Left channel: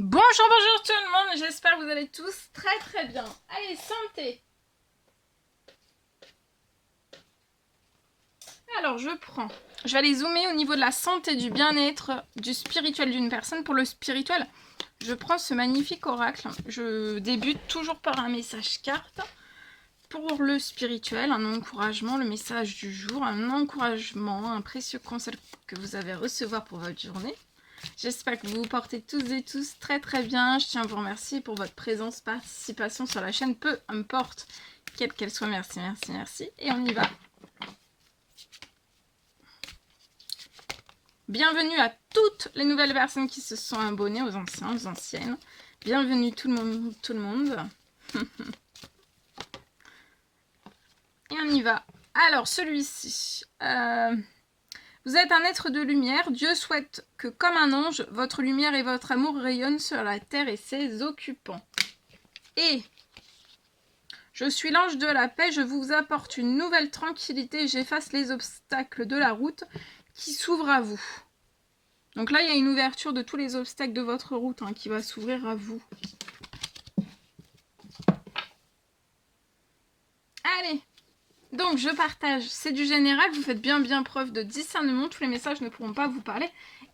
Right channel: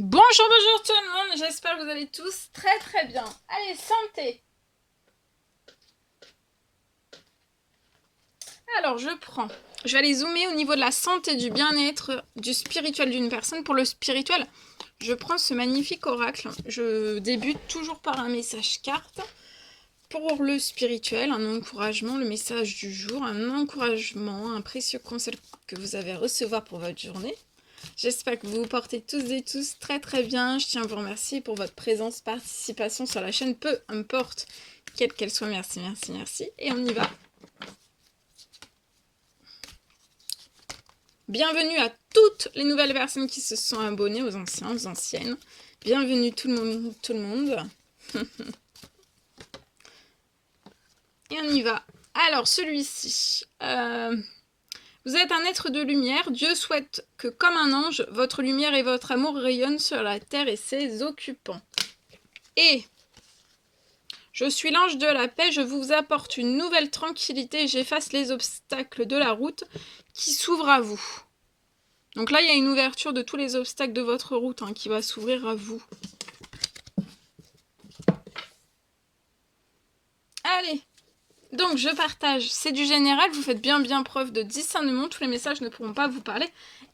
Bonjour tout le monde, j'espère que vous allez tous très bien. Allez, santé. Alors je vais aller zoomer au niveau de la santé, du bien-être, du spirituel d'une personne. Pour le spirituel, je prends ce magnifique oracle. Je débute toujours par un message carte. Pour le spirituel, un encouragement, le message du jour, un encouragement, un précieux conseil que vous avez à recevoir pour votre journée. J'espère que vous vous portez tous et tous très bien. Je tiens à vous remercier pour votre présence, participation sur la chaîne, peu importe quelle qu'elle soit. Merci. Et on y va. Bienvenue à toutes les nouvelles personnes qui se sont abonnées, aux anciens, aux anciennes. Bienvenue tout le monde. Et on y va. Alors, celui-ci. Vous êtes un être de lumière. Dieu souhaite que, comme un ange, votre lumière et votre amour rayonnent sur la terre et ses occupants. Et je suis l'ange de la paix, je vous apporte une nouvelle tranquillité et j'efface les obstacles de la route qui s'ouvrent à vous. Donc là, il y a une ouverture de tous les obstacles de votre route qui va s'ouvrir à vous. Allez, donc je partage, c'est du général, vous faites bien preuve de discernement, tous les messages ne pourront pas vous parler,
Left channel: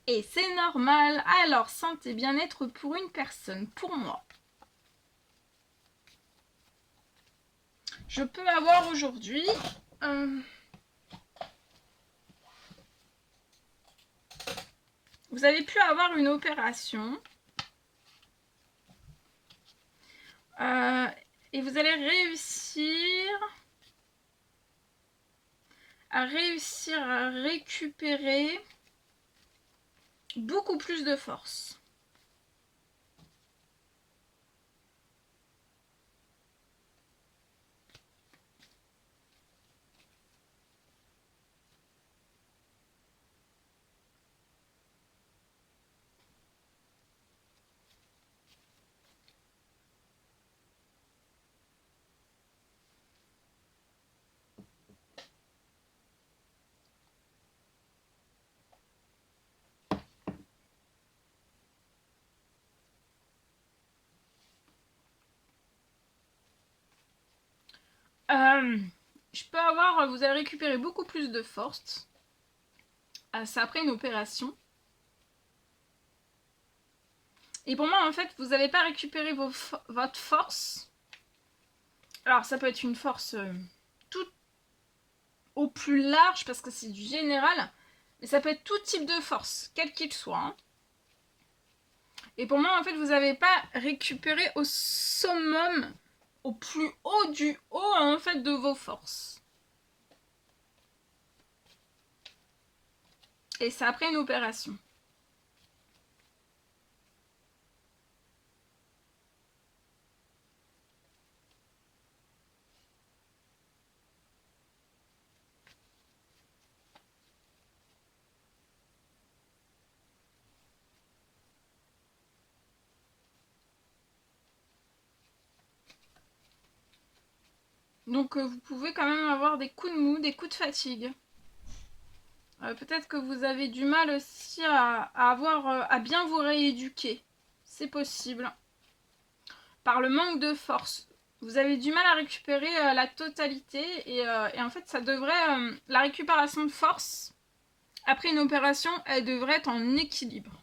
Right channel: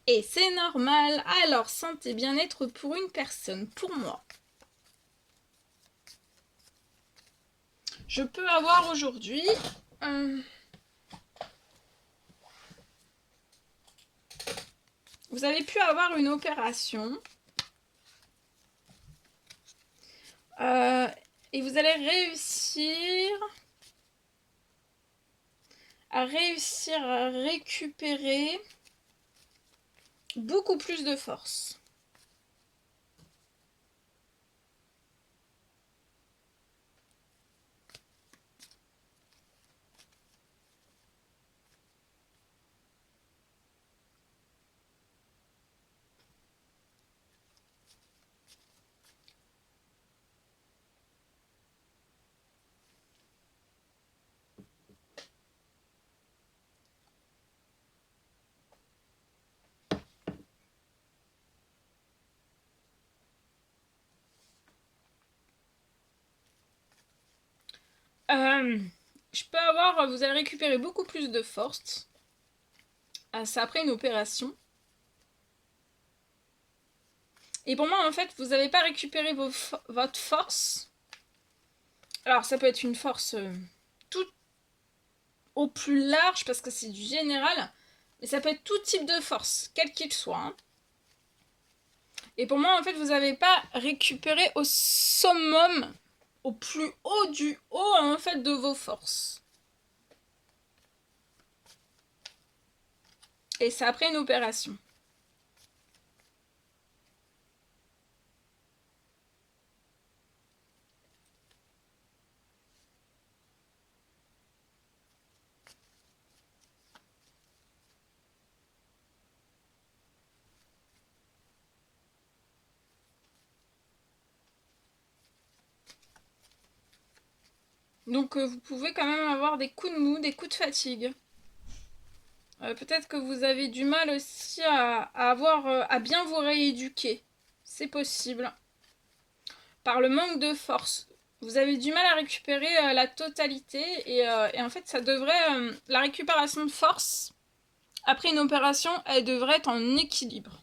et c'est normal. Alors, santé, bien-être pour une personne, pour moi. Je peux avoir aujourd'hui... Vous avez pu avoir une opération... et vous allez réussir à récupérer beaucoup plus de force. Je peux avoir... Vous allez récupérer beaucoup plus de force. C'est après une opération. Et pour moi, en fait, vous n'avez pas récupéré votre force. Alors, ça peut être une force tout au plus large, parce que c'est du général. Mais ça peut être tout type de force, quel qu'il soit. Et pour moi, en fait, vous n'avez pas récupéré au summum, au plus haut du haut, en fait, de vos forces. Et c'est après une opération. Donc vous pouvez quand même avoir des coups de mou, des coups de fatigue. Peut-être que vous avez du mal aussi à bien vous rééduquer. C'est possible. Par le manque de force. Vous avez du mal à récupérer la totalité. Et en fait, ça devrait... la récupération de force, après une opération, elle devrait être en équilibre.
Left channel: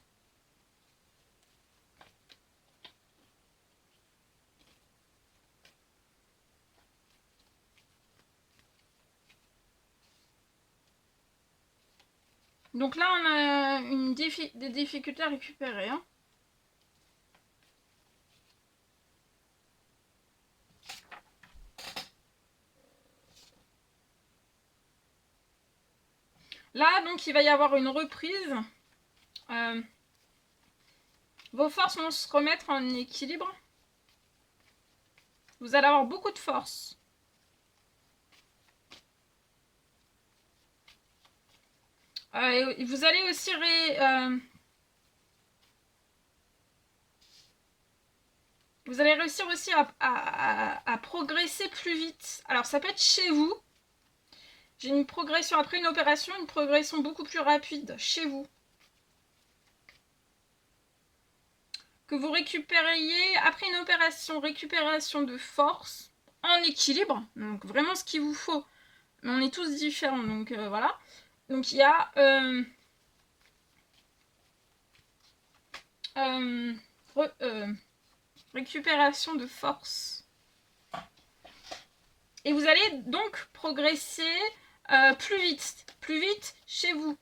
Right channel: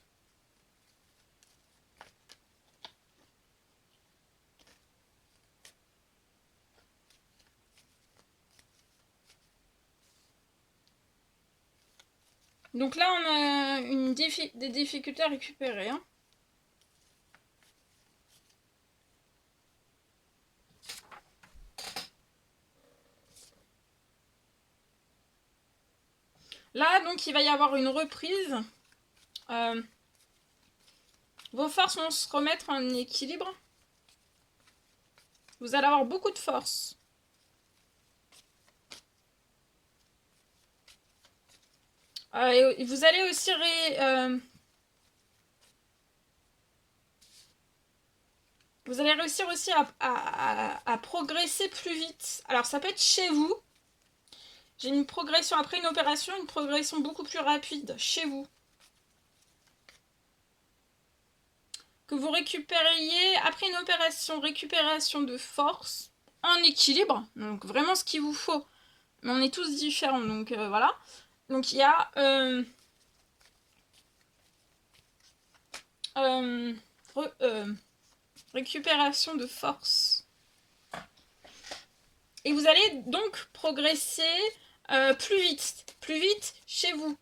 Donc là, on a des difficultés à récupérer. Là, donc, il va y avoir une reprise. Vos forces vont se remettre en équilibre. Vous allez avoir beaucoup de force. Et vous allez aussi vous allez réussir aussi à progresser plus vite. Alors ça peut être chez vous. J'ai une progression après une opération, une progression beaucoup plus rapide chez vous. que vous récupériez, après une opération récupération de force, en équilibre, donc vraiment ce qu'il vous faut. Mais on est tous différents, donc voilà. Donc il y a récupération de force. Et vous allez donc progresser plus vite chez vous.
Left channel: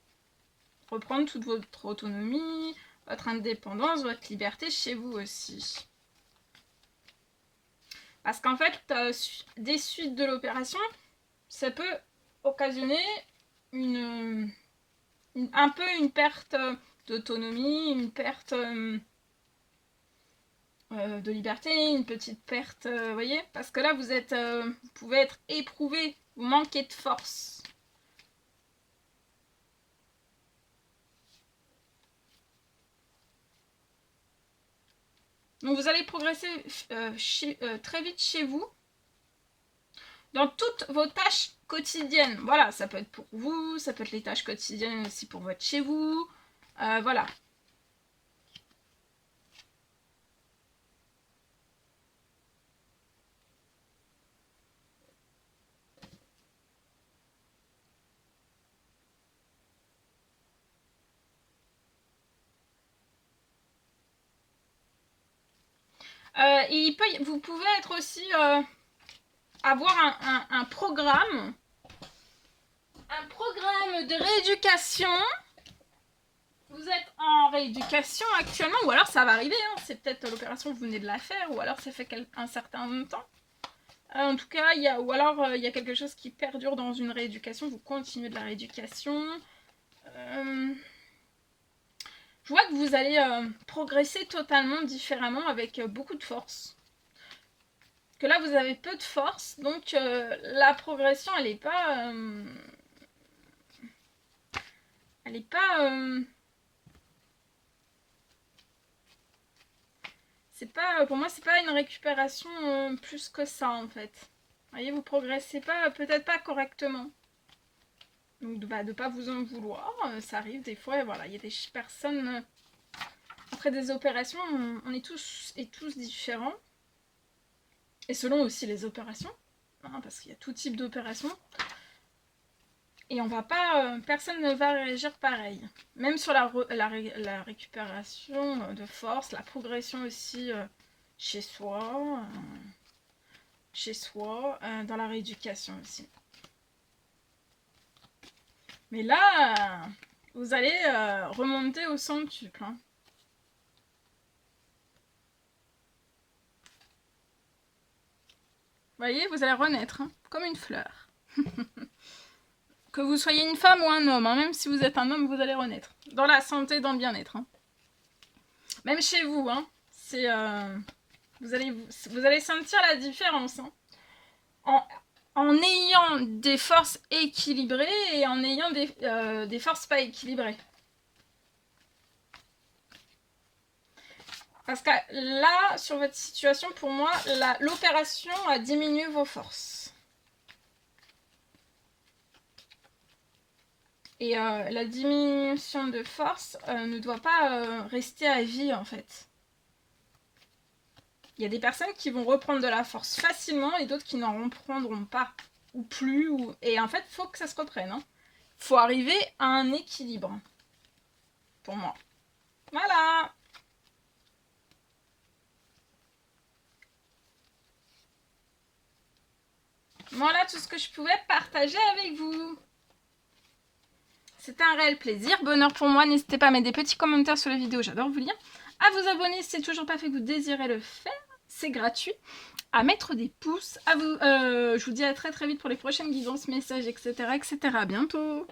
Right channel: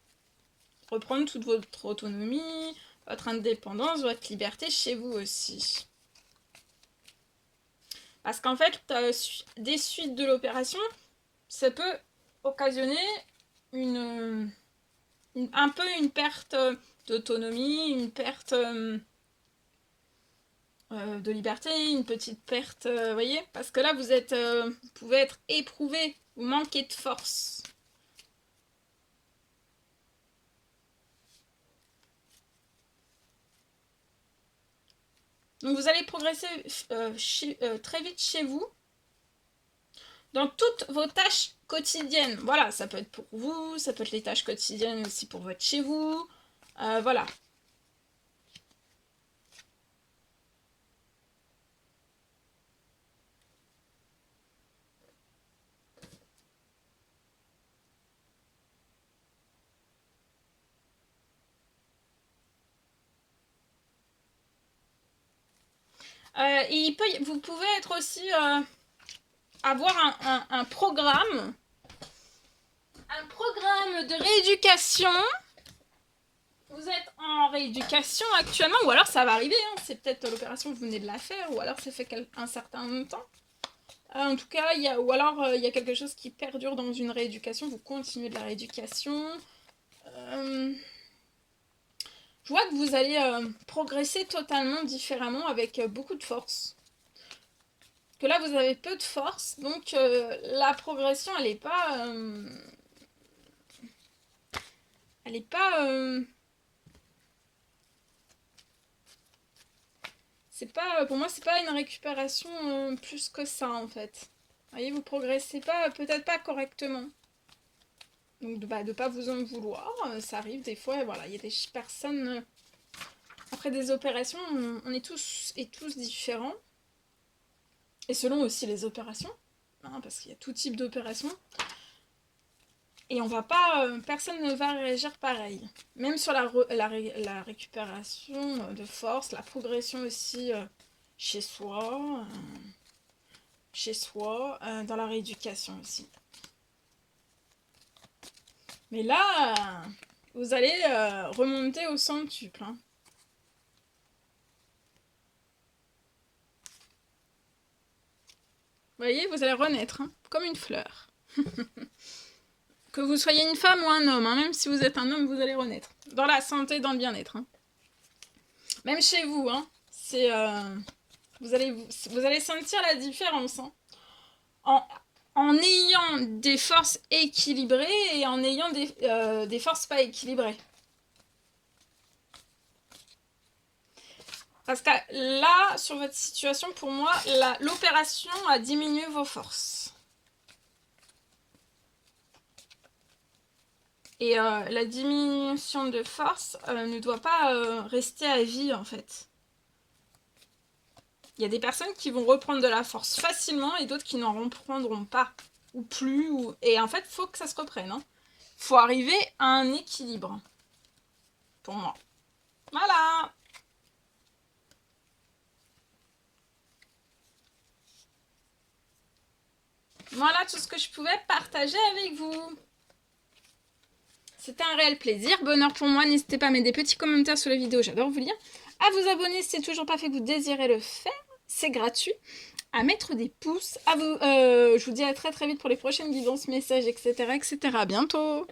Reprendre toute votre autonomie, votre indépendance, votre liberté chez vous aussi. Parce qu'en fait, des suites de l'opération, ça peut occasionner un peu une perte d'autonomie, une perte de liberté, une petite perte, vous voyez, parce que là vous pouvez être éprouvé, vous manquez de force. Donc vous allez progresser très vite chez vous, dans toutes vos tâches quotidiennes. Voilà, ça peut être pour vous, ça peut être les tâches quotidiennes aussi pour votre chez vous, voilà. Vous pouvez être aussi avoir un programme de rééducation. Vous êtes en rééducation actuellement, ou alors ça va arriver, hein, c'est peut-être l'opération vous venez de la faire, ou alors ça fait un certain temps. En tout cas, il y a quelque chose qui perdure dans une rééducation, vous continuez de la rééducation. Je vois que vous allez progresser totalement différemment avec beaucoup de force. Que là, vous avez peu de force, donc la progression, elle n'est pas... elle n'est pas... c'est pas... Pour moi, c'est pas une récupération plus que ça, en fait. Vous voyez, vous progressez pas, peut-être pas correctement. Donc, de pas vous en vouloir, ça arrive des fois, et voilà, il y a des personnes... après des opérations, on est tous et tous différents. Et selon aussi les opérations, hein, parce qu'il y a tout type d'opérations. Et on va pas, personne ne va réagir pareil. Même sur la récupération de force, la progression aussi chez soi, dans la rééducation aussi. Mais là, vous allez remonter au centuple. Hein. Vous voyez, vous allez renaître, hein, comme une fleur. Que vous soyez une femme ou un homme, hein, même si vous êtes un homme, vous allez renaître. Dans la santé, dans le bien-être. Hein. Même chez vous, hein, vous allez sentir la différence. Hein. En ayant des forces équilibrées et en ayant des forces pas équilibrées. Parce que là, sur votre situation, pour moi, l'opération a diminué vos forces. Et la diminution de force ne doit pas rester à vie, en fait. Il y a des personnes qui vont reprendre de la force facilement et d'autres qui n'en reprendront pas. Ou plus. Et en fait, il faut que ça se reprenne. Hein. Faut arriver à un équilibre. Pour moi. Voilà. Voilà tout ce que je pouvais partager avec vous. C'était un réel plaisir, bonheur pour moi. N'hésitez pas à mettre des petits commentaires sur la vidéo, j'adore vous lire. À vous abonner si c'est toujours pas fait que vous désirez le faire, c'est gratuit. À mettre des pouces. Je vous dis à très très vite pour les prochaines guidances, messages, etc. etc. À bientôt.